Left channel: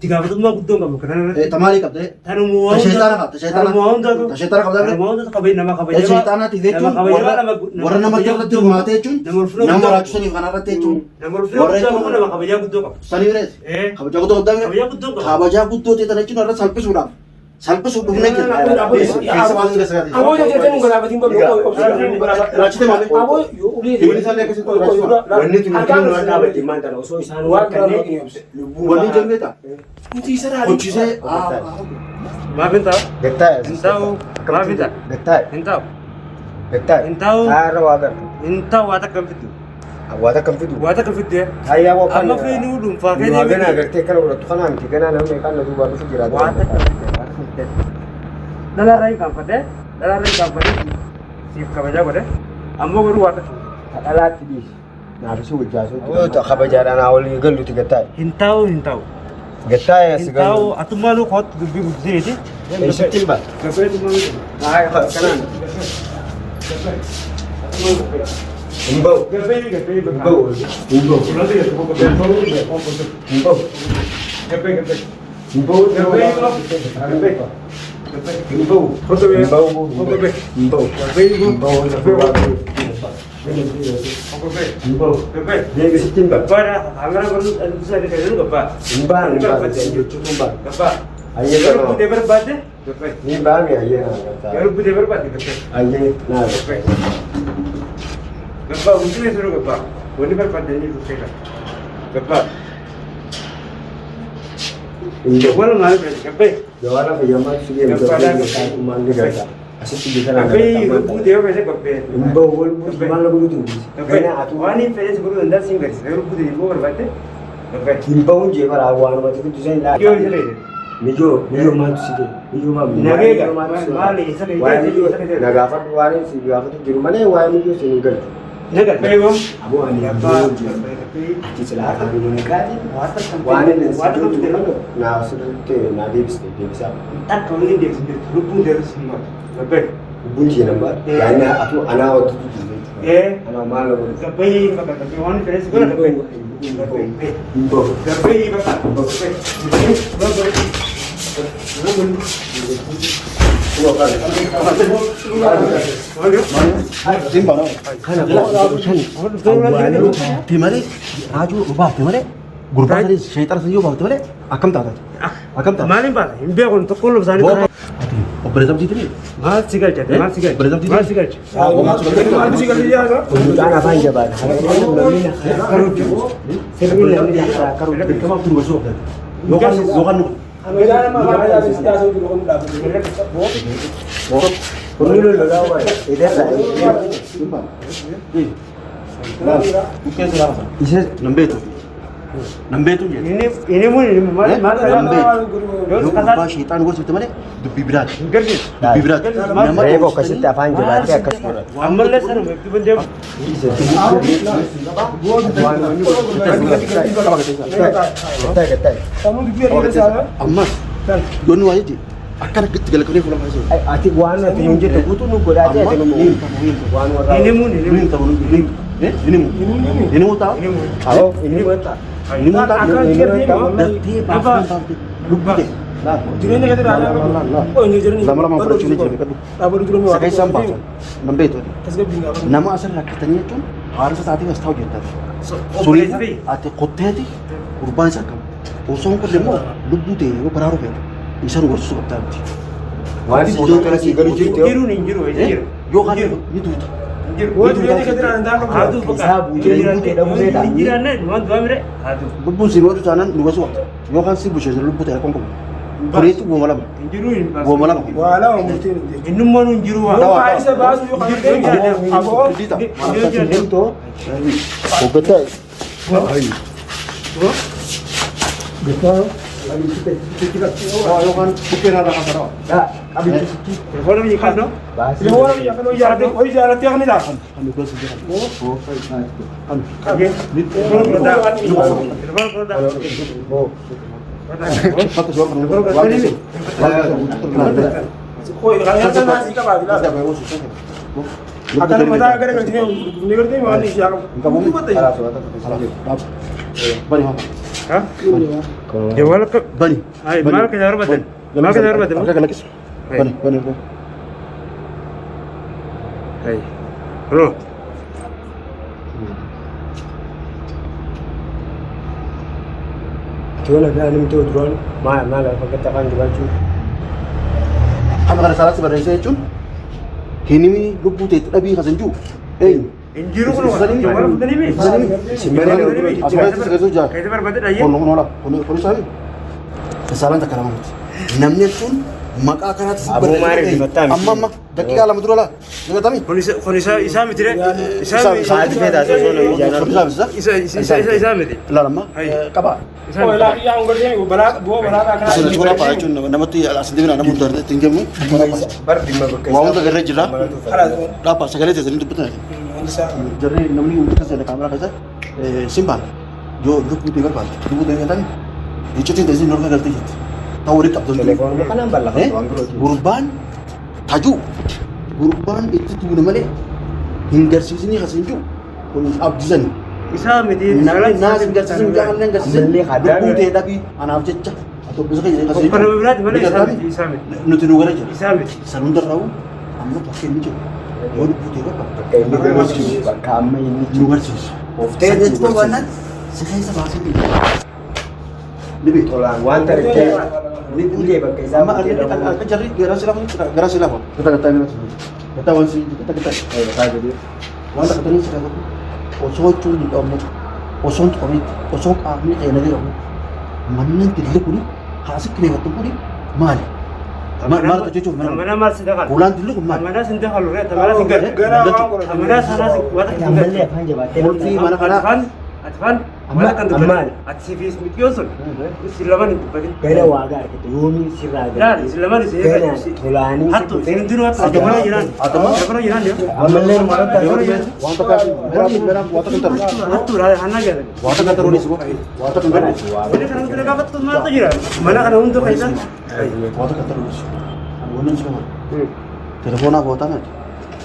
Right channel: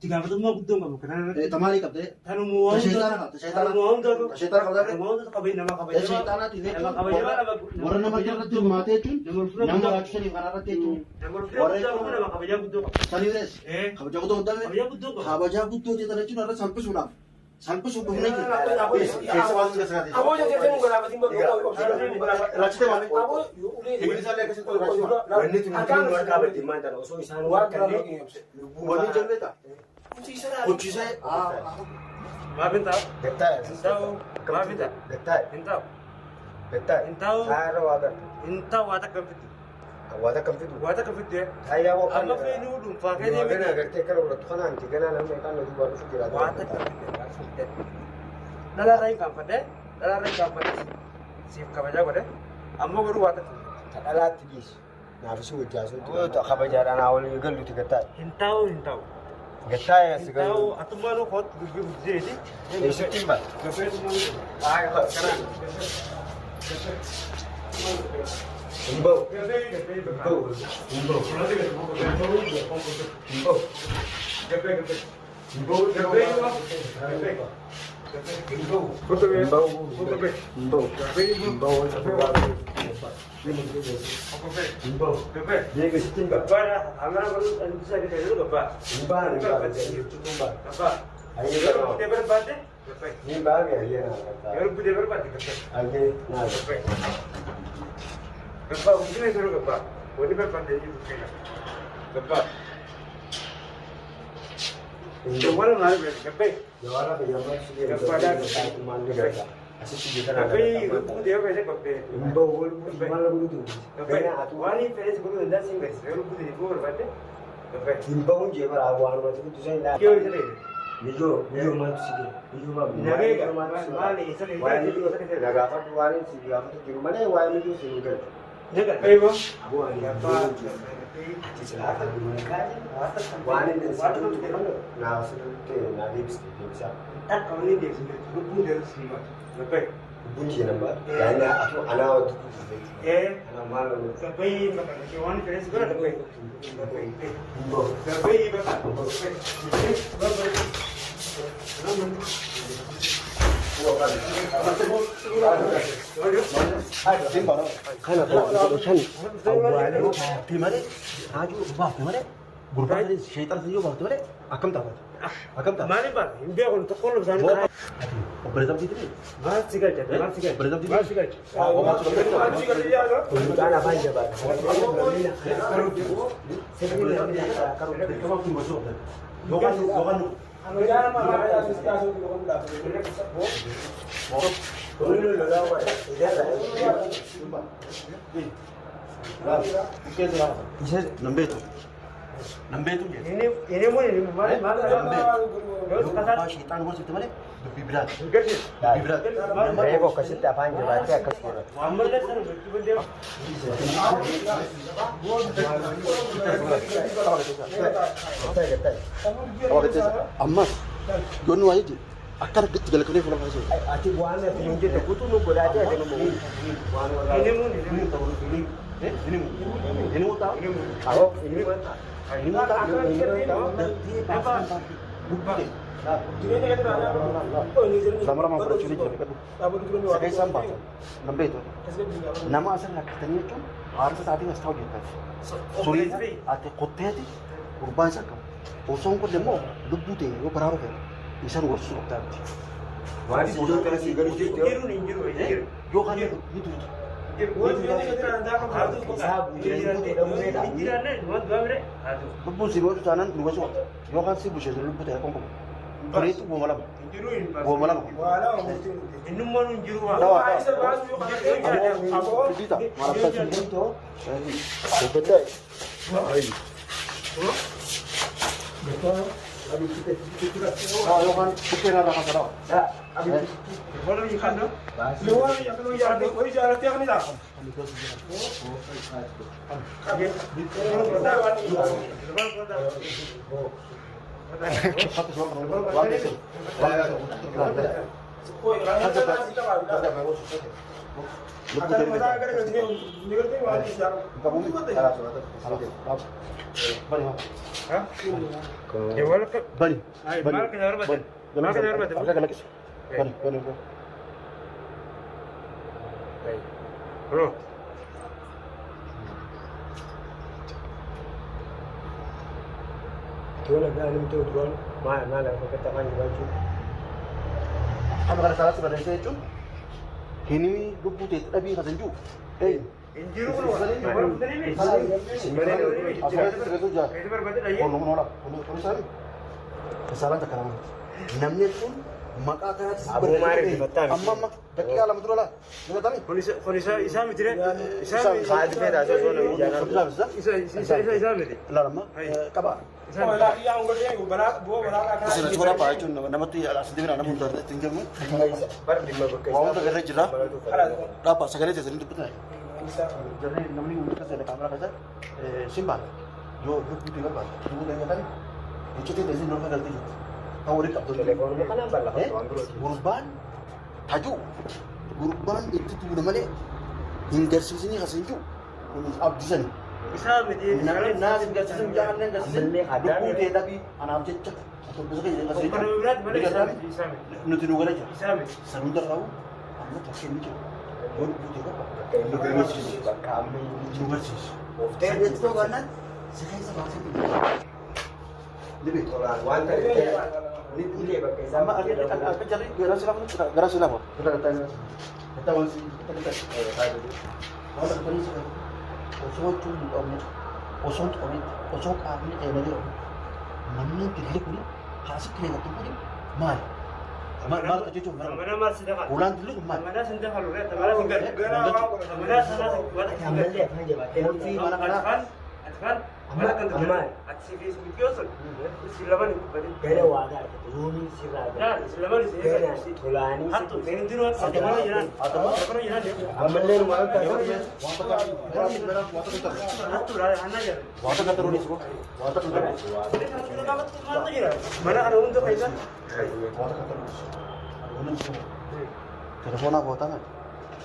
تقابل ما قدوم قبل كنا تمالي قبل تانو مو تشيطانا قبل مو قبل نما قبل الشيطان تيجي ورنا ما جرت ما تيجون نمر أكشني وأنا رتيجون نما قبل يا قدوم سنيرس خبجا قدوم قدام خبجا قدوم تيجي نرى سالبس ولا سالبس ولا بمنك أبو يا جتني ولا بدين بقول راجتي مالي أبو يقولي سالك كسي وني تمكين ولا بدين ما تنا وسوي سان وكني وني جميتا كوتشي ما بنتا Getah. انتاو ما بنتا Getah. انتاو Getah. انتاو Ara wagar. انتاو واتك كم فيديو Awata kan fidu. واتك كم فيديو Ayah wakan. اما في نودم فاكيد Ni magana agar te kalau udah tuhan nanti kan ana me kan duba nu fijira. واتك كم فيديو دلا راي كم فده دلا راي كم فده سيف كبجا بده اما غرو واتك Adalah tibis. Na bisu wajaso. Oh tak khabajaran awal galu ti getah. انتاو انتاو Getah ya segan. انتاو اتمالو خط بيجي Ini setimba. كفايه تمالو Nah, kanan. Imbau. كفايه Imbau. Imbau. Imbau. Imbau. Imbau. Imbau. Dia ke setimba. Imbang. Ayah kan. Ni bang ya ayah nak. Ayah nak. Jawara pejama sige mandi gata. Asyik tiga kan. Imbau wal bu mana bu tu. Kena atu. Imbau je para awan macam tu saya nak. Nijo mantu sige. Nijo mam. Naga apa tu wani si naga apa tu juru mana wani nijo singgah. Abu ani ati celah kami menikah. Wani nanti tu mana? Na sudah tu na debis apa? Bunyi nampak. Yani aku anak waktu tu. Anak malu. Imbau. Timale, Raju, ubah timale. Gurba tadi syaitan saja ubah timale. Akam tak? Akam tak? Malin pak, imbe aku untuk kalau misalnya Berzam di sini. mal sigal cek, mal sigal, Berzam di mal sini. sigal. Jangan apa yang jabat. Kamu tunggu besok. Lokan. Perlu lawa. Ini Bukan salah. Isi nambe tu. Nambe tu je. Ini mal Nambe. Terus Yo kasar. ubah syaitan gua sebetulnya mana? Dubi berat. Gerdi. Dubi berat. Rebo kasih tak apa yang jabat ya kasih. Amal le sar, itu pun dia. Getah. Amma. Don wa yaji. Akan segala kali pulang hasil. Ati wana tunjuk tu butuh nunggu dah ada. Ini mun. Ini mu tahu? Oh, ini betul. Ini mu tahu? Nanti apa? Lupa deh. Lama-lama bercuni jadi kan. Sekai sampah. Nambe itu. Nama asal rakyatnya itu harus tadi nggak tahu gitu. Sulit. Ati kote itu kurban sakam. Osong ko demo lubu deh. Wo pararu kan. Isan gua suka tahu. Wadi bodoh kalau sih galu jitu. Jiru. Yo kan itu. Lubu sih waktu sana lubu suka. Yo kan sih bukan lubu teh kongkong. Kore itu gua malam. Gua malam. Wala mungkin. Inum manu jiru. Isa basu yo kan itu. Oh betul. Betul. Oh, yo kan bukan ada apa-apa. Kalau ni kan no? Kami gua sendiri. Oh, kami. Cepat tu orang. Bari ها جوالك بني هاي مالك يا رب بدل مالك يا رب بدل لكس بني بني هاي روح Tuh lagi alim tuh drone, malah pakai tekan di baju. أنا غير سالس بريسة يجون هني لبوا تتأبي خزنجو إيه انجيرو كله جوالك بدل مين أفراد تسكتوا جا كيف بدل أيه كون نولا كون سامي سالان تكلم نمني تون مك أكرات Abu Mari di Batam. أما دقيقة على مدرلا نقول تامي خونيسا إسامي ترى إسامي Saat beda tuh sono إسامي دي لا لما كبار Oh, lagi yang kerja ibu balak akan. Sudah cuma apa aja nama tu ya asli mana nama mudah tinggal ni Bar di Mabukai. Wawang tak kerja jera apa sekali tu jadi betul jadi nama ni untuk kerja kamera kerja simpan jo duk ni tinggal pada duk dengan tadi itu tu jadi normal kerja itu tahu rekap tu Telepon kan nambah lah. Urban taju Urban itu tu nama ni hingga sini hasil ju pun abdizan إسامي دي Nas hingga sini jangan hingga sini duk tu tapi anak cecah atau besok jadi hasil وكانوا بلاد ولا إسامي nutu nugar aja إسامي sarundar tahu amma pakai ni je baru putih apa Pakai ini kami ini nugar sih Often itu mana sekali sama sih lebih tolak wanter ke ini boleh pakai sama sama ada cari garasi lah kita wansi kita kayak gitu. wanta kata ni sekarang osong tu di omnet osong kami kayak nanti omnet mana tidak kuni hasik kene waktu kuni mal mal tu cucu mana mana mal sedekah bulan dulu mal mana sedekah lu mana tinggal mana sana watak Yang tinggal beli apa aja batin. Multi mana kana Atfan mana kan Amal. atsifi ismi yosul istilaman itu bagi Gana wagar gitu. Yomi sirah. لا istilaman itu Gana tulani. hatu sendiri hatu mana jiran mana jiran dia Amalnya malah wanta kan merah wanta kentar hatu lah anak ya wanta kentar ni semua wanta kentar ini kan untuk dapat tuh mana tuh jiran mana kan untuk kaisan wanta kentar ni wonin semua telepon apa tanya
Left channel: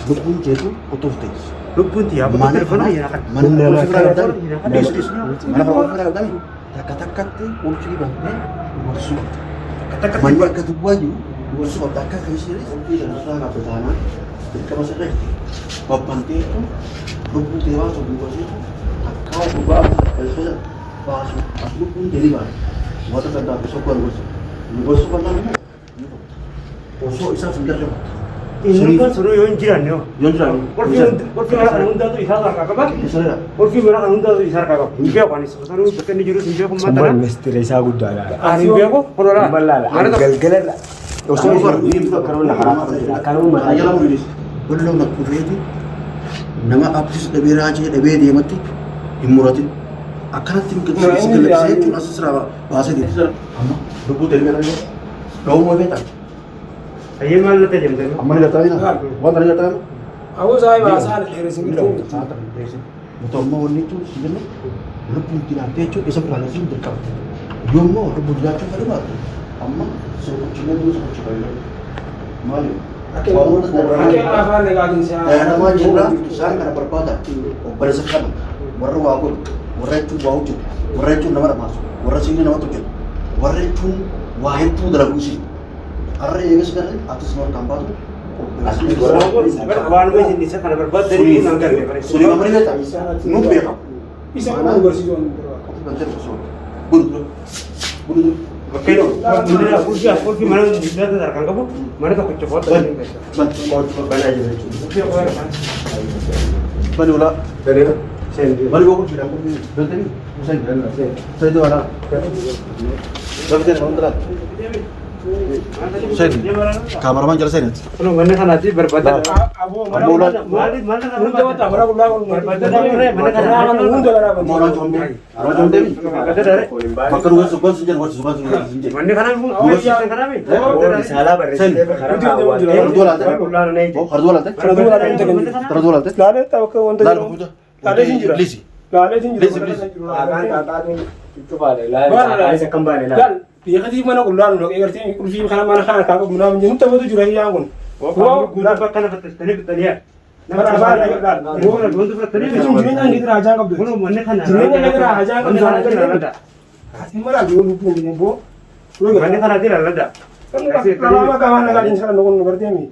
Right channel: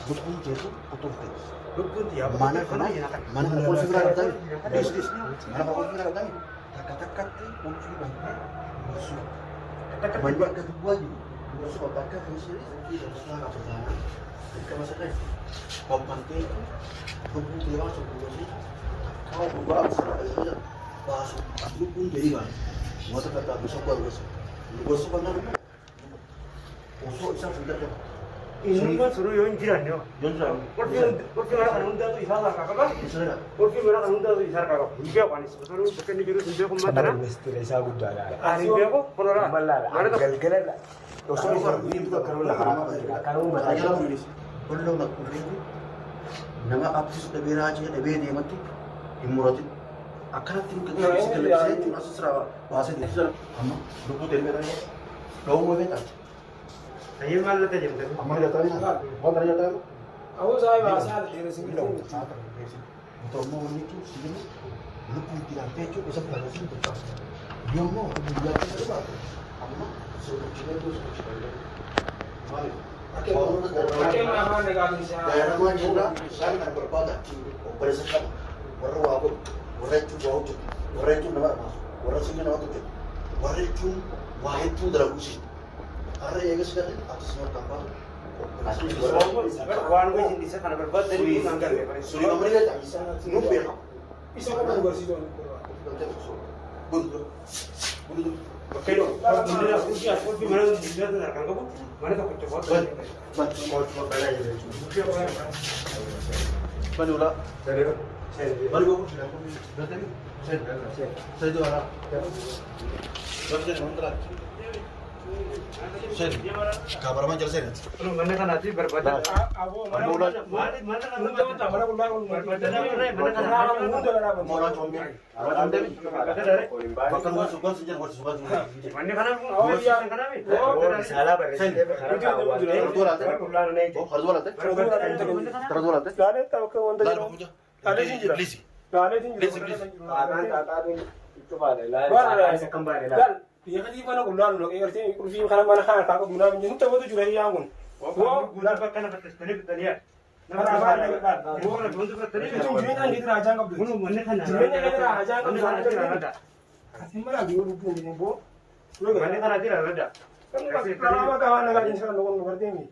dukun jetu otomatis lu pun tiap mana telepon aja kan mana mana kalau tadi kata-kata tu kunci bangke masuk kata-kata banyak kedua ju masuk otak ke sini kunci dan suara pertahanan kita masuk deh bapak itu dukun dewa sebelum itu kau berubah itu masuk aku pun jadi bang waktu kata besok kan nama besok isa sudah coba ini kan suruh yon jiran yo 연주랑 골프 mana kan untuk itu isar kakak apa saya 골프 mana kan untuk isar kakak biar kan itu suruh bikin jurus biar pun mata Sampai misteri saya udah lah. ah biar kok kalau lah Malala. Gel-gel lah. Usah ini kalau nak harap kalau mana ayah lah murid belum nak kubeti nama abis lebih raja lebih dia mati imurati akan tinggal segala saya cuma seserah bahasa dia amma rupu dari mana dia kau mau beta ayo mana nanti jam tu amma ni datang ni wan tadi datang Aku saya bahasa dari sini. betul mau ni tu sebenarnya rupu tidak pecu esok paling sini dekat yo mau rupu datang tadi mati amma suruh cina tu suruh cina malu Oke, apa nih lagi sih? Ada nama jina, sang kana berkota. Operasi kana. Warra wagun, warra itu bauju, warra itu nama mas, warra sini nama tujuh, warra itu wahid itu dalam usi. Arre ini sekarang atas nomor kampar tu. kawan gue sini saya karena berbuat dari nanggar Suri kamar ini tak? Nubi apa? Bisa mana bersih Banter bersama. Buru buru. oke dong kursi mana dia tuh terkangkap bu mana tuh kecopot Mau coba balik aja. oke oke Balik ulah. dari sendiri. Balik aku bilang aku berarti ni. Saya itu ada. Tapi dia orang telat. Saya kameraman jalan saya. kalau mana kan nanti berbadan Abu mana mana Unta wata mana kulang berbadan mana kan unta lah apa? Mau orang combe. Orang combe. Makan uang sukan senjata buat sukan senjata. mana kan bu siapa kan abi Salah berarti. Harus lantai. Oh, harus lantai. Harus lantai. Lada tahu ke unta. Lalu puja. Lada sinjir. Lisi. Lada sinjir. Akan kakak tu coba deh lah. Saya kembali lah. Dan dia kati mana kulang loh. Egerti kursi kana mana kana kakak guna menjadi unta betul jurang yang pun. oh guna bakal tani betania Nama apa? guna untuk betania Itu jiran yang kita raja kau guna mana kan Jiran yang kita raja kau mana jualan kan kerja. Ati malah dulu pun dia bo. Lu Ini kan nanti lalada. kalau apa kawan nak ini sekarang nukun berarti ini.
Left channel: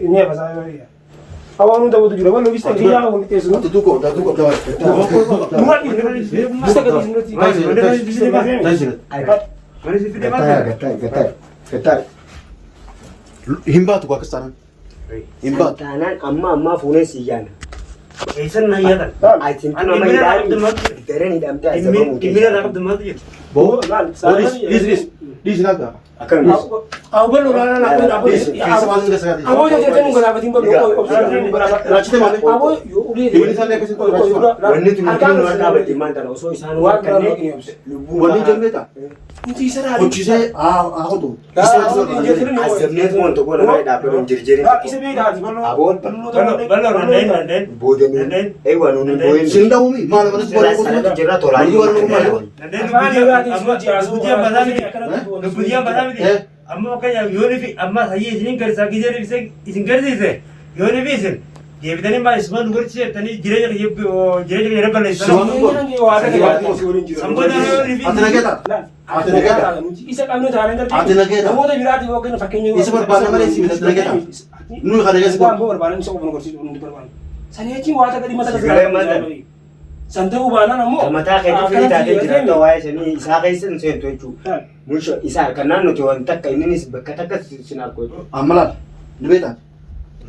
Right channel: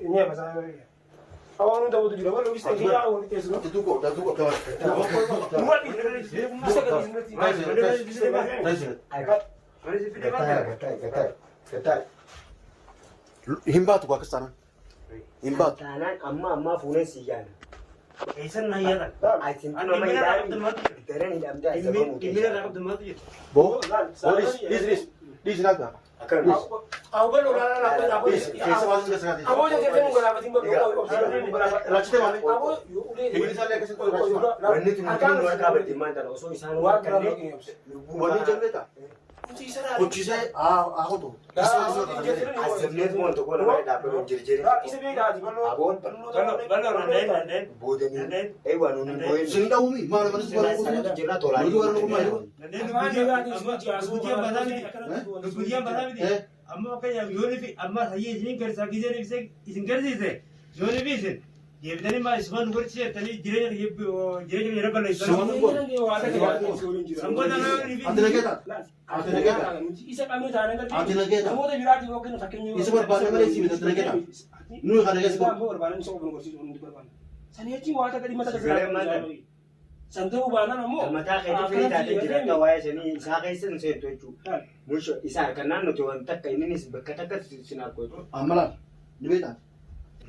Ini apa saya ya. Awak nu tahu tu juga, lu bisa dia awak itu semua. Tutup. Bukan ini, bisa ke sini. Mana sih video mana? Getar. Himba tu kau kesana. Himba. Kanan amma phone siyan. Isan na iya kan? I think Ano mama imina idari. dapat demat. Tere ni damte ay sabang mo. Imina dapat demat ya. Bo. Saya Dis naga. Akan Aku belum aku. Kaisa masuk ke sekali. Aku jadi tengok kalau apa timbul lu. Rachite mane. Aku uli. Ini sana ke situ rachite. Wanni tu mungkin luar dapat di mana no so isan luar kan ni. Wani jambeta. Kunci sana. Kuchise aku tu. Azamne mo to ko na dapat on jirjiri. Isa be dah di mana. Abon Balor nandain. bodo ni. Eh wanu ni boy. Sinda umi mana mana sekolah Sana aku. jira tola. Nandain Nubudian badami. Nubudian badami. Eh. Amma kaya yoni fi amma sayi izinin karsa gidere bise izin karsa yoni bisin. Dia bitani ma isman gurci tani jire jire bala isman. Samboda ni. Atina kita. Isa kami jalan dari. Atina kita. Kamu dah bilang di bawah kena pakai ni. Isa berbana mana sih atina kita. Nu kada Saya kita. ambil berbalan bisa aku kursi untuk berbalan. Saya cing wata tadi mata Segala mata. Santai ubana namo. Mata kai tu fita da jira to waya sini isa kai sin sai to chu. Musho isa kanan no to takka ini bakka sinar ko. Amalan. Dibeta.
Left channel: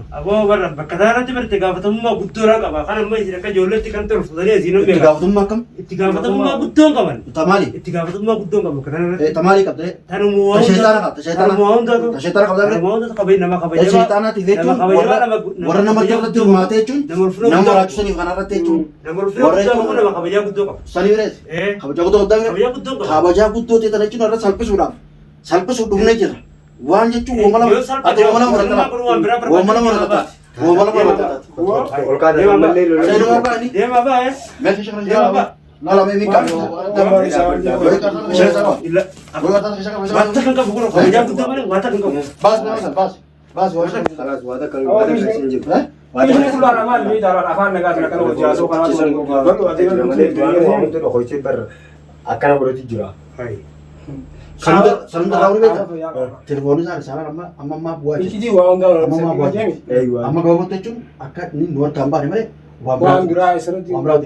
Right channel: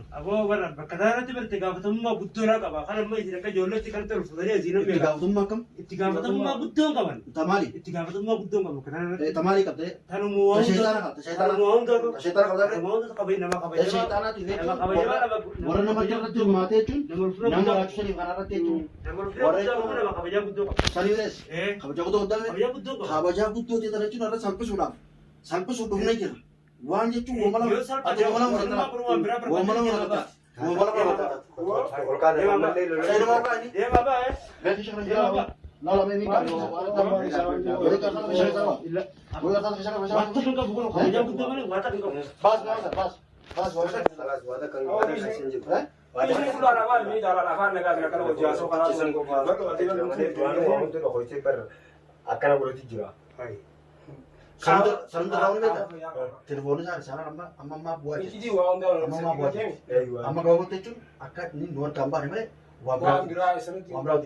Abo barra bakadara tiberte gafatamma gudura qaba kana ma isira ka jollati kan tor fudani azino be. Tiga waktu makam. Gafatamma gudon qaban. Tamali. Gafatamma gudon qaba kana. Tamali kapte. Tanu mo. Tashetana. Mo onda. Tashetana kapte. Mo onda qabay nama qabay. Tashetana tidetu. Warna nama jawab tu mate cun. Nama ratus ni kana rate cun. Namor flo qaba nama qabay gudon qaba. Sani beres. Eh. Kamu jago tu udang. Qabay gudon qaba. Kamu jago tu tiada cun ada sampai sudah. Sampai sudah naik je. Wan je cun. Wamala. Atau wamala murata. Wamala murata. Wamala murata. Kolkata malle lo. Saya nama apa ni? Dia ma ba eh. Mesej sekarang jawab. Nala memi kan. Boleh kata saya sama. Illa. Boleh kata saya sama. Wata kan ka buguro qabay gudon mana wata kan ka. Bas. Warna. Salas wada kan wada sin jib. Ini keluar nama ini dalam afan negara kalau jauh kalau Kisan ko baru ada yang ko to ko ci bar akana ko ti jira. Hai. Salam tahu ni beta. Telepon sana amma buat. Iki di wang dah. Amma buat. Aywa. Amma gawa tu cun akak ni luar tambah ni mana? Wang gerai serati. Wamra